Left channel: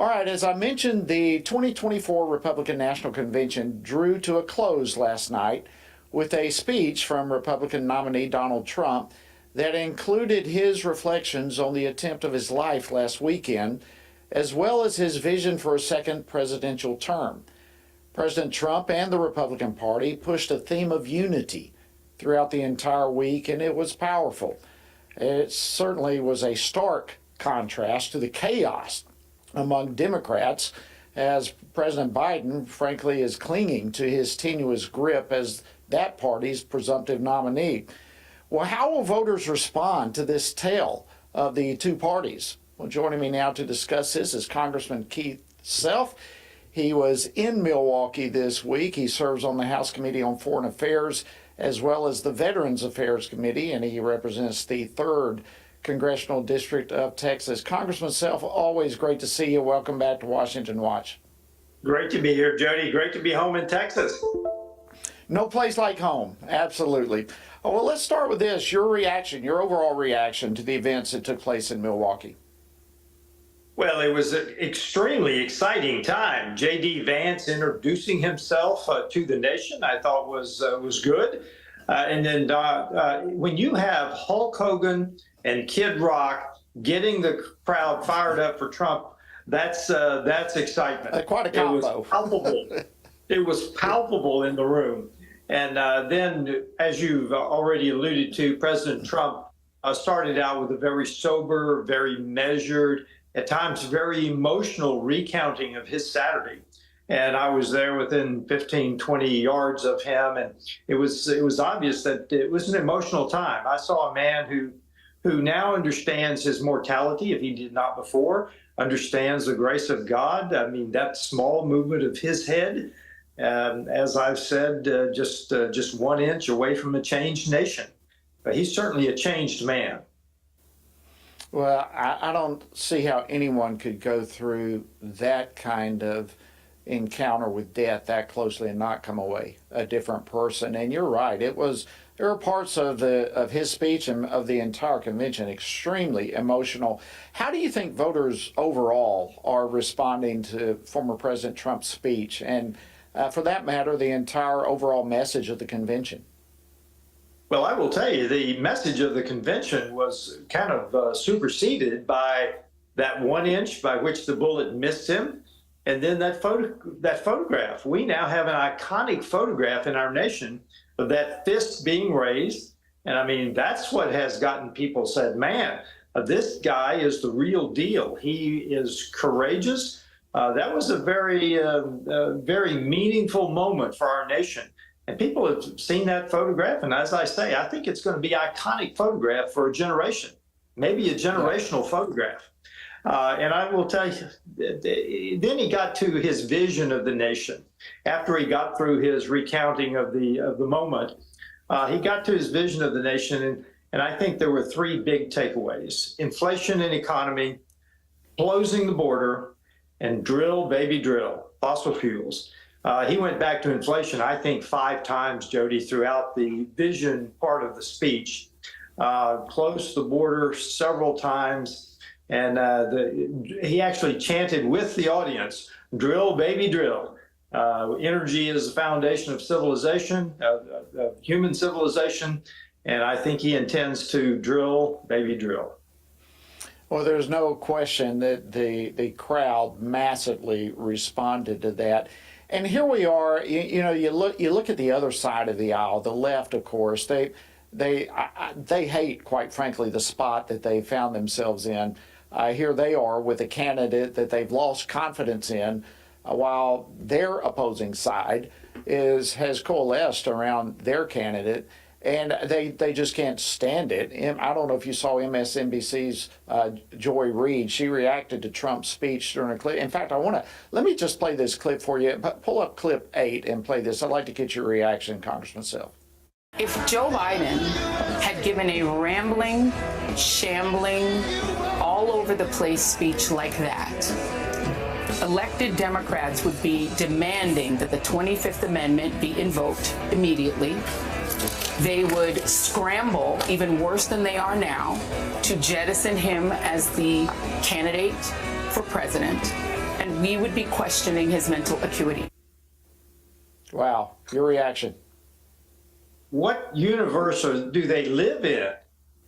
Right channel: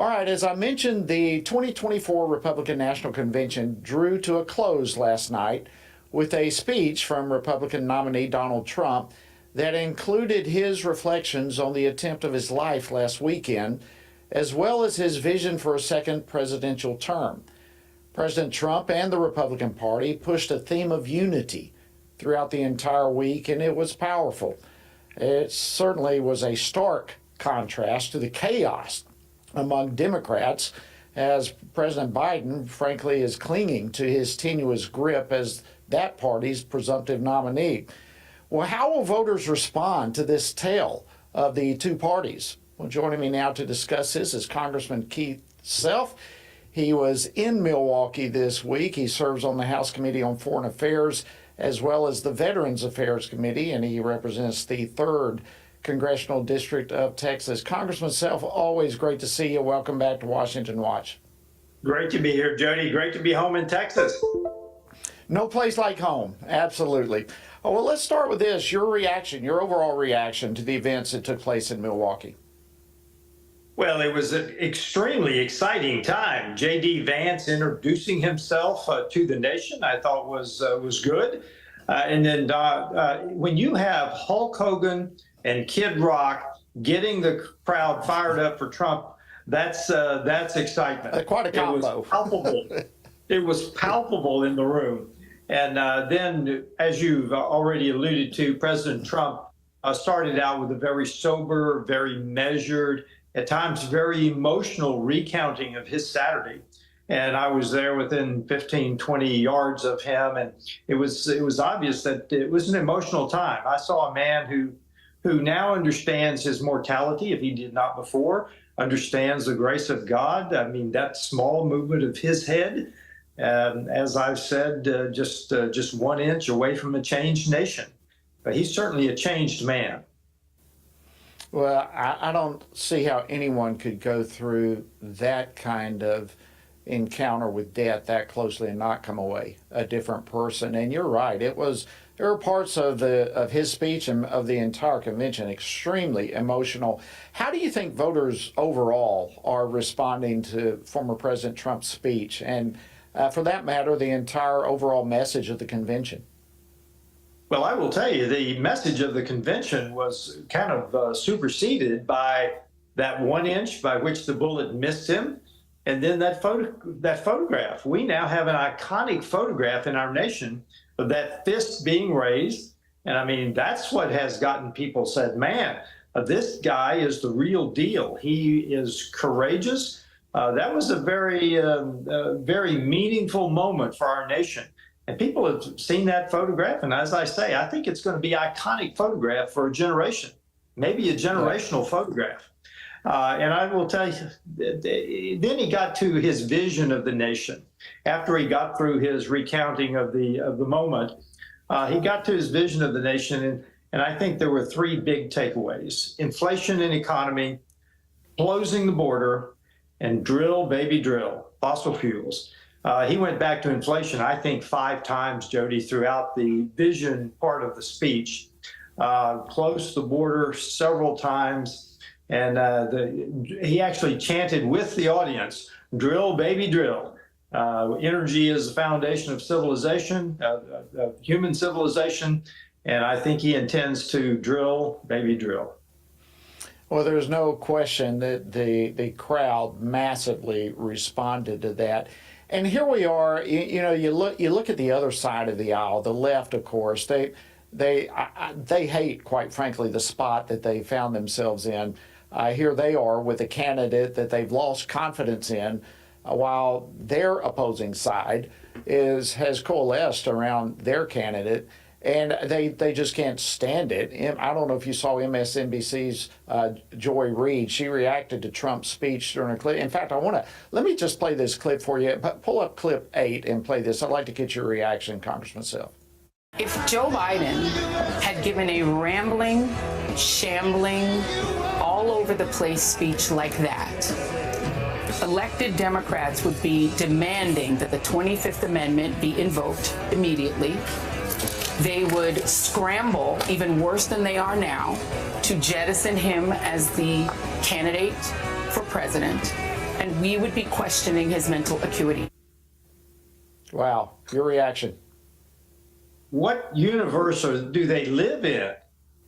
All right, as I mentioned, the 2024 Republican National Convention drew to a close last night with a speech from Republican nominee Donald Trump that included his reflections on the attempt of his life last weekend, as well as his vision for a second presidential term. President Trump and the Republican Party pushed a theme of unity throughout the entire week, and it was powerful. It certainly was a stark contrast to the chaos among Democrats, as President Biden, frankly, is clinging to his tenuous grip as that party's presumptive nominee. Well, how will voters respond to this tale of the two parties? Well, joining me now to discuss this is Congressman Keith Self. He was in Milwaukee this week. He serves on the House Committee on Foreign Affairs as well as the Veterans Affairs Committee, and he represents the 3rd Congressional District of Texas. Congressman Self, always great to see you. Welcome back to Washington Watch. Great to be here, Jody. Great to be home in Texas. No place like home. Absolutely. Oh, well, let's start with this. Your reaction, your overall reaction to the events that took place in Milwaukee. Well, it was an extremely exciting time. J.D. Vance introducing himself to the nation, I thought was good. And then when you have Hulk Hogan and Kid Rock getting the crowd fired up for Trump, that's excitement. Quite a combo. It was palpable. It was palpable in the room. And then, as you've already alluded to, President Trump started out with a very sober, very measured, at times very emotional recounting of his Saturday. And I was there within 15, 20 yards of him, and it was obvious that it was an emotional time. I saw a man who now understands his mortality, if he did not before, understands the grace of God. I mean, that small movement of his head, as I've said, just 1 inch away from a changed nation. But he's certainly a changed man. Well, I don't see how anyone could go through that kind of encounter with death that closely and not come away a different person. And you're right. There were parts of his speech and of the entire convention extremely emotional. How do you think voters overall are responding to former President Trump's speech and, for that matter, the entire overall message of the convention? Well, I will tell you, the message of the convention was kind of superseded by that 1 inch by which the bullet missed him, and then that photograph. We now have an iconic photograph in our nation of that fist being raised, and I mean, that's what has gotten people said, man, this guy is the real deal. He is courageous. That was a very meaningful moment for our nation. And people have seen that photograph, and as I say, I think it's going to be an iconic photograph for a generation, maybe a generational photograph. And I will tell you, then he got to his vision of the nation. After he got through his recounting of the moment, he got to his vision of the nation, and I think there were 3 big takeaways: inflation and economy, closing the border, and drill, baby, drill, fossil fuels. He went back to inflation, I think, 5 times, Jody, throughout the vision part of the speech. Closed the border several times, and he actually chanted with the audience, drill, baby, drill. Energy is the foundation of civilization, human civilization, and I think he intends to drill, baby, drill. Well, there's no question that the crowd massively responded to that. And here we are. You look at the other side of the aisle, the left, of course. They hate, quite frankly, the spot that they found themselves in. Here they are with a candidate that they've lost confidence in, while their opposing side has coalesced around their candidate, and they just can't stand it. I don't know if you saw MSNBC's Joy Reid. She reacted to Trump's speech during a clip. In fact, let me just play this clip for you. Pull up clip 8 and play this. I'd like to get your reaction, Congressman Self. If Joe Biden had given a rambling, shambling, all over the place speech like that, elected Democrats would be demanding that the 25th Amendment be invoked immediately. They would scramble, even worse than they are now, to jettison him as the candidate for president. and we would be questioning his mental acuity. Wow, your reaction? What universe do they live in?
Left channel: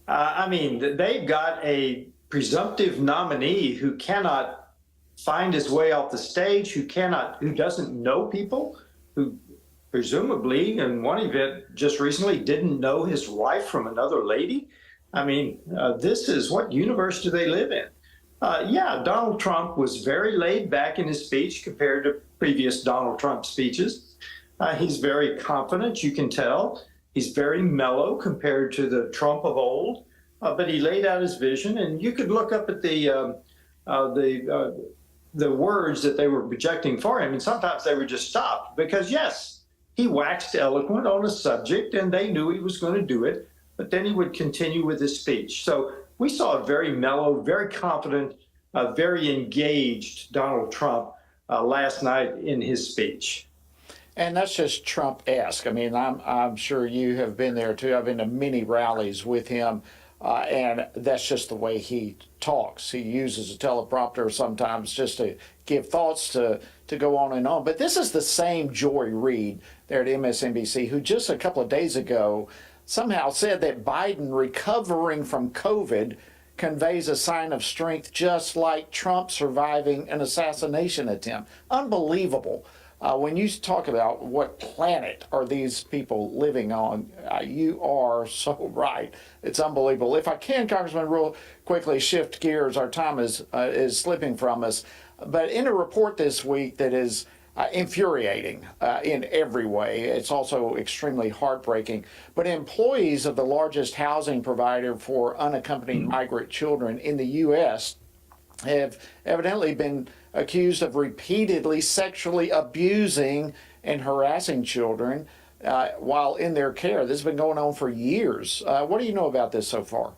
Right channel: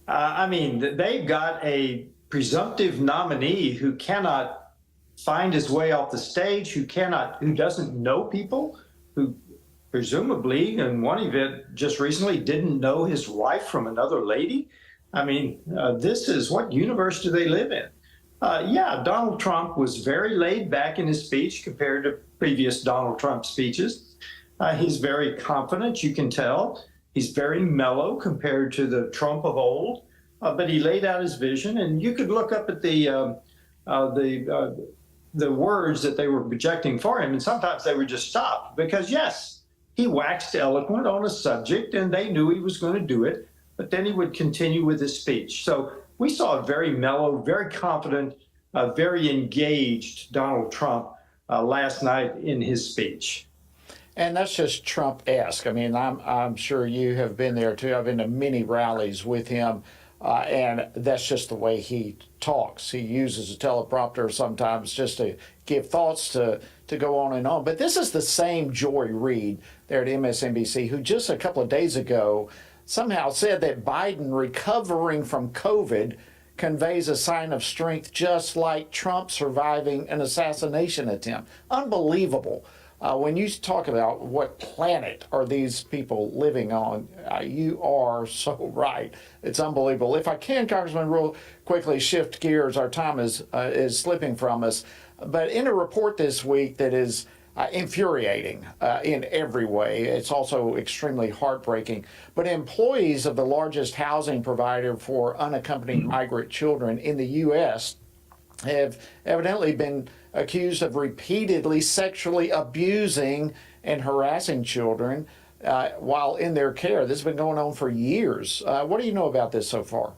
I mean, they've got a presumptive nominee who cannot find his way off the stage, who doesn't know people, who presumably, in one event just recently, didn't know his wife from another lady. I mean, this is, what universe do they live in? Yeah, Donald Trump was very laid back in his speech compared to previous Donald Trump speeches. He's very confident, you can tell. He's very mellow compared to the Trump of old, but he laid out his vision, and you could look up at the words that they were projecting for him, and sometimes they were just stopped because, yes, he waxed eloquent on a subject, and they knew he was going to do it, but then he would continue with his speech. So we saw a very mellow, very confident, very engaged Donald Trump last night in his speech. And that's just Trump-esque. I mean, I'm sure you have been there too. I've been to many rallies with him, and that's just the way he talks. He uses a teleprompter sometimes just to give thoughts to go on and on. But this is the same Joy Reid there at MSNBC, who just a couple of days ago somehow said that Biden recovering from COVID conveys a sign of strength, just like Trump surviving an assassination attempt. Unbelievable. When you talk about what planet are these people living on, you are so right. It's unbelievable. If I can, Congressman, real quickly shift gears. Our time is slipping from us. But in a report this week that is infuriating in every way, it's also extremely heartbreaking. But employees of the largest housing provider for unaccompanied migrant children in the U.S. have evidently been accused of repeatedly sexually abusing and harassing children while in their care. This has been going on for years. What do you know about this so far?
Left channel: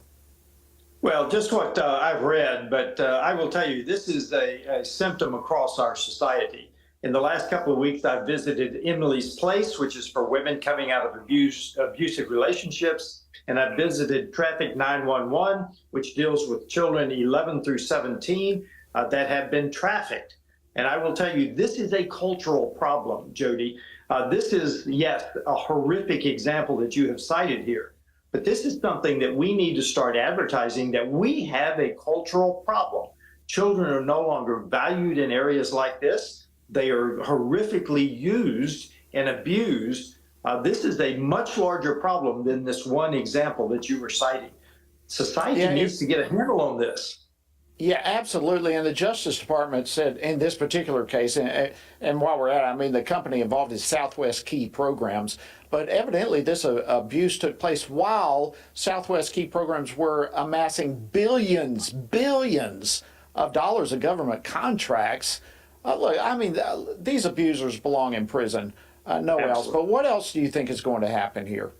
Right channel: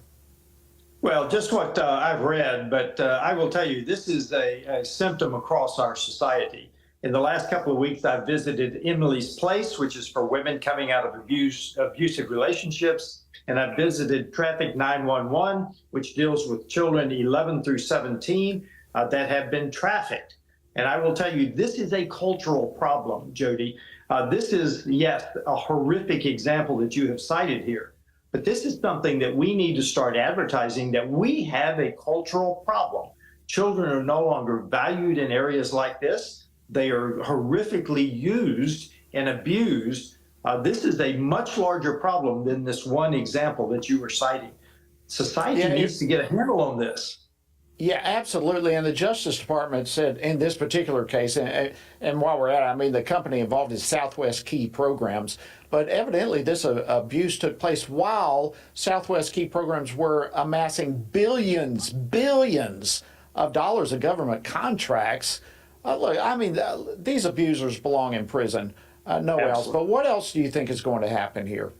Well, just what I've read, but I will tell you, this is a symptom across our society. In the last couple of weeks, I've visited Emily's Place, which is for women coming out of abusive relationships. And I've visited Traffic 911, which deals with children 11 through 17 that have been trafficked. And I will tell you, this is a cultural problem, Jody. This is, yes, a horrific example that you have cited here. But this is something that we need to start advertising, that we have a cultural problem. Children are no longer valued in areas like this. They are horrifically used and abused. This is a much larger problem than this one example that you were citing. Society needs to get a handle on this. Yeah, absolutely. And the Justice Department said in this particular case, and while we're at it, I mean, the company involved is Southwest Key Programs, but evidently this abuse took place while Southwest Key Programs were amassing billions of dollars of government contracts. Look, I mean, these abusers belong in prison, nowhere else. But what else do you think is going to happen here?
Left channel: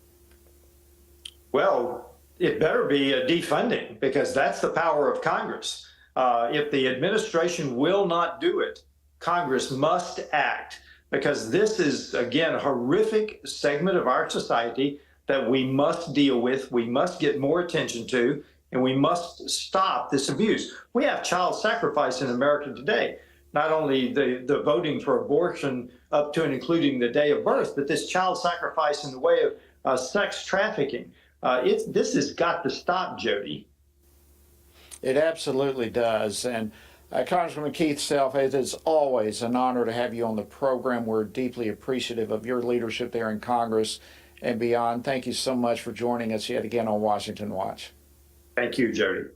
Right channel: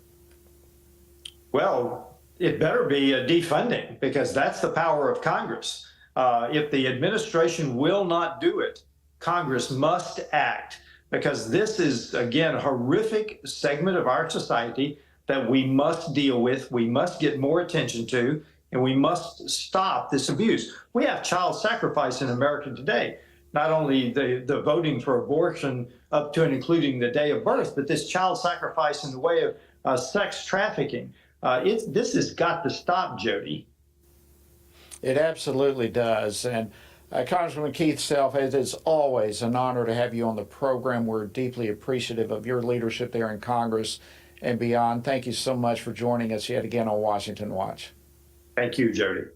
Well, it better be a defunding, because that's the power of Congress. If the administration will not do it, Congress must act, because this is, again, a horrific segment of our society that we must deal with, we must get more attention to, and we must stop this abuse. We have child sacrifice in America today. Not only the voting for abortion up to and including the day of birth, but this child sacrifice in the way of sex trafficking. This has got to stop, Jody. It absolutely does. And Congressman Keith Self, it is always an honor to have you on the program. We're deeply appreciative of your leadership there in Congress and beyond. Thank you so much for joining us yet again on Washington Watch. Thank you, Jody.